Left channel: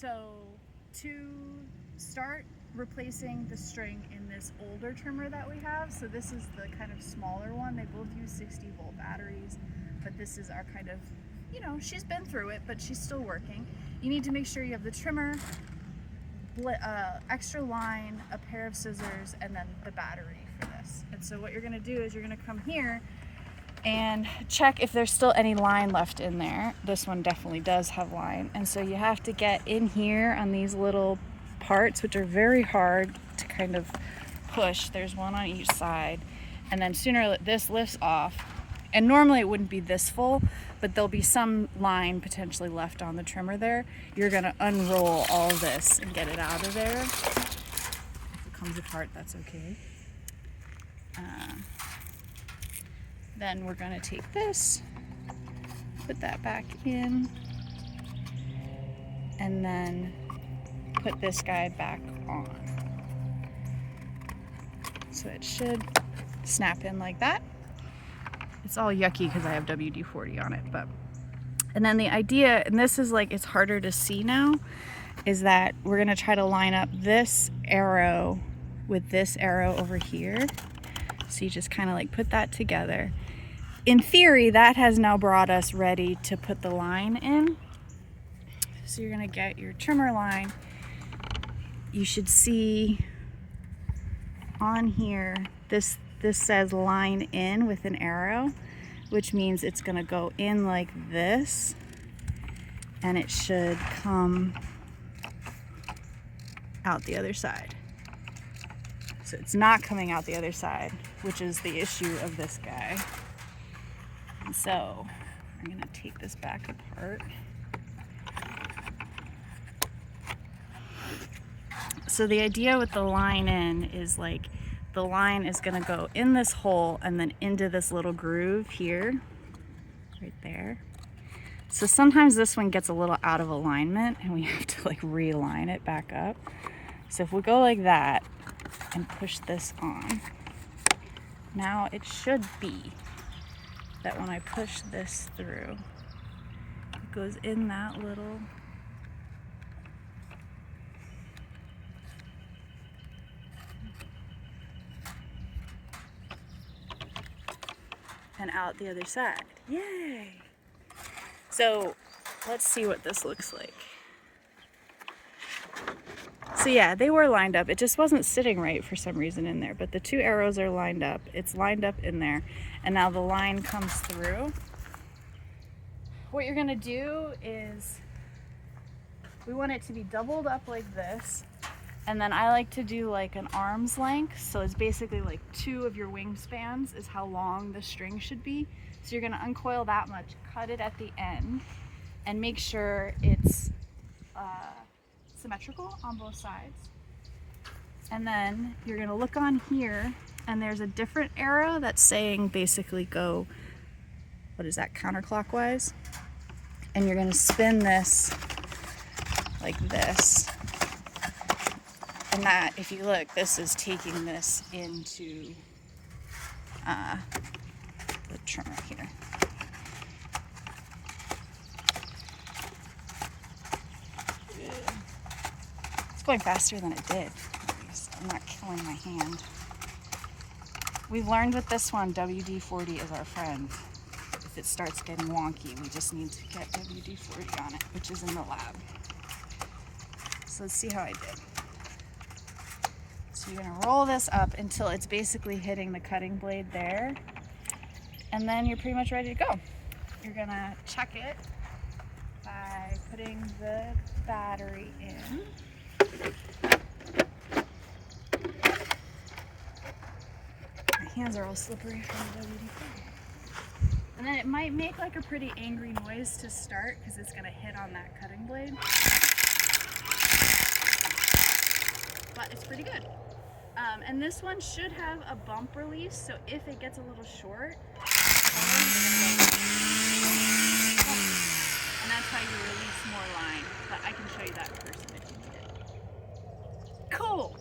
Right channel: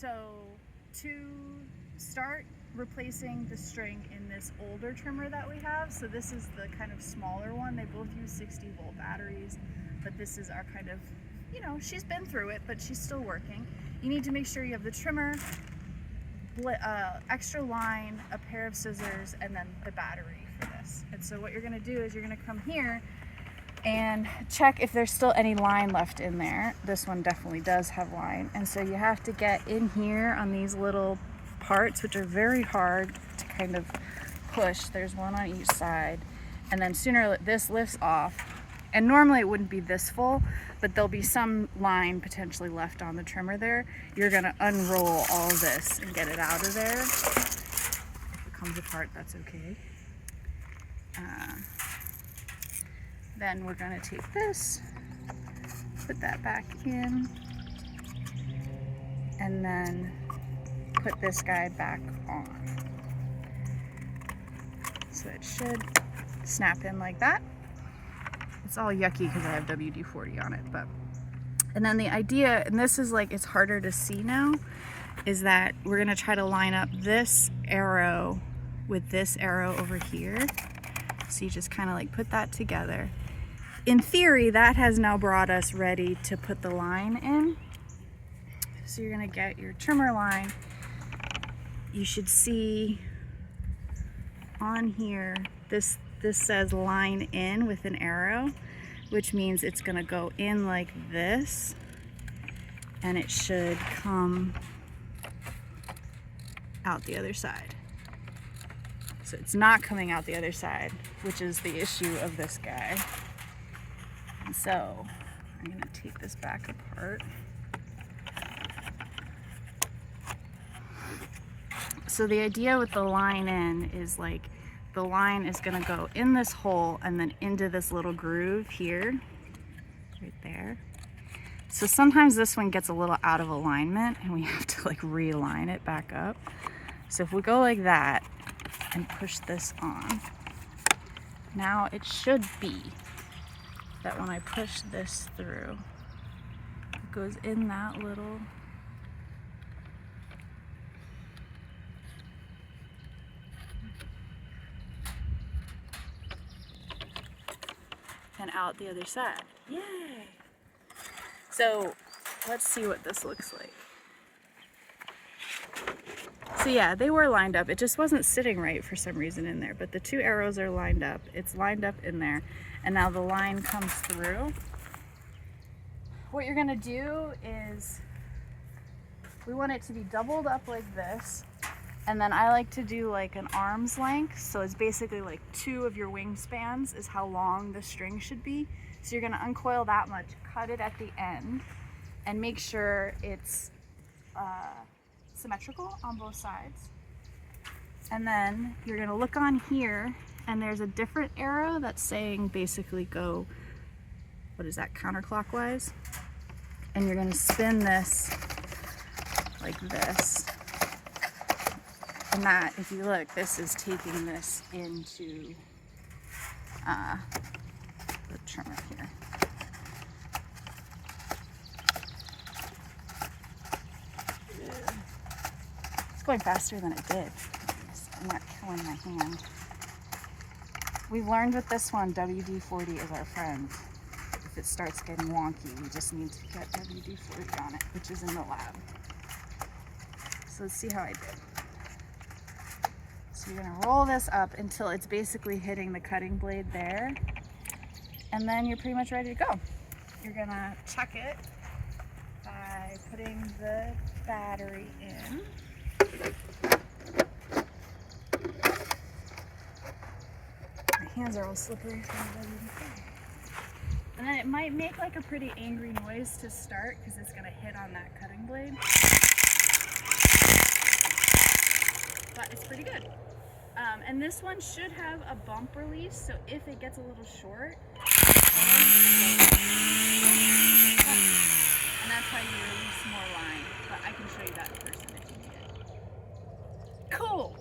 So to start replacing the string in this older trimmer that we have, so this is the kind of smaller one. They both use 60-volt batteries, but this is our kind of, you know, she's been through it, but she's still working. You need to make sure you have the trimmer, extra line, a pair of scissors, and then the battery for this. And so what you're gonna do is you're gonna come here and check if there's still any line left in there. This one definitely does have line. And so you have to get in here on these little parts, which are very hard to kind of push. There's one on each side. And then sooner this lifts off. And normally it wouldn't be this full, but there'll be some line potentially left on the trimmer there. You're gonna unroll all this and get it out of there. If it comes apart, that's okay. Then we're gonna take this, put that back in, and then put this guy back on. So it should snap in like that. It's all yucky because I have WD-40 on it, but. And then the idea, and this is like, it's harder to see now, is that we're gonna try to line up this arrow with this arrow over here. So you just kind of like put that together. In theory, that has now brought us ready to put the line in. So you're gonna get your trimmer line. You should see on here, this says line in with an arrow, which means it's gonna go in like this, and it should come out the other side. So it's not coming out the other side, which is the issue of this guy. And so I'm gonna take this back apart. So the idea with the line in is like, the line is gonna go in this hole and then into this little groove here, right there. So sometimes this one gets a little out of alignment and we have to like realign it back up. So if we go like that and push this on, now it should be that when I push this through, it goes in that little and out the other side. Yay! So let's see what this looks like. So yeah, they were lined up. It just wasn't sitting right for some reason in there, but the two arrows are lined up. It's lined up in there, and now the line comes through. What you're gonna do is, we want it to be doubled up like this, and then I like to do like an arm's length. So it's basically like 2 of your wingspans is how long the string should be. So you're gonna uncoil that much, cut it at the end, and make sure it's symmetrical on both sides. And then you're gonna look on here, and there's a different arrow that's saying basically go, what is that, counterclockwise? And you're gonna spin this like this. And that, if you look, this is taking this into the trimmer here. It's going faster than it did. I'm not killing my hand. We've learned with this one, WD-40 is our friend. If it starts getting wonky, we just need to get WD-40 on it, which is in the lab. So let's see how I did. So you're gonna roll this up until it's basically hitting the cutting blade there. And then you're pretty much ready to go. You're gonna check it by putting the battery in. My hands are all slippery from the WD-40. And then it might make like a pretty angry noise to start because it's gonna hit on that cutting blade. But it's pretty good. And this one should have a bump release, so if it gets a little short, and that's how you release more line. But I can show you that in person if you need it. Cool!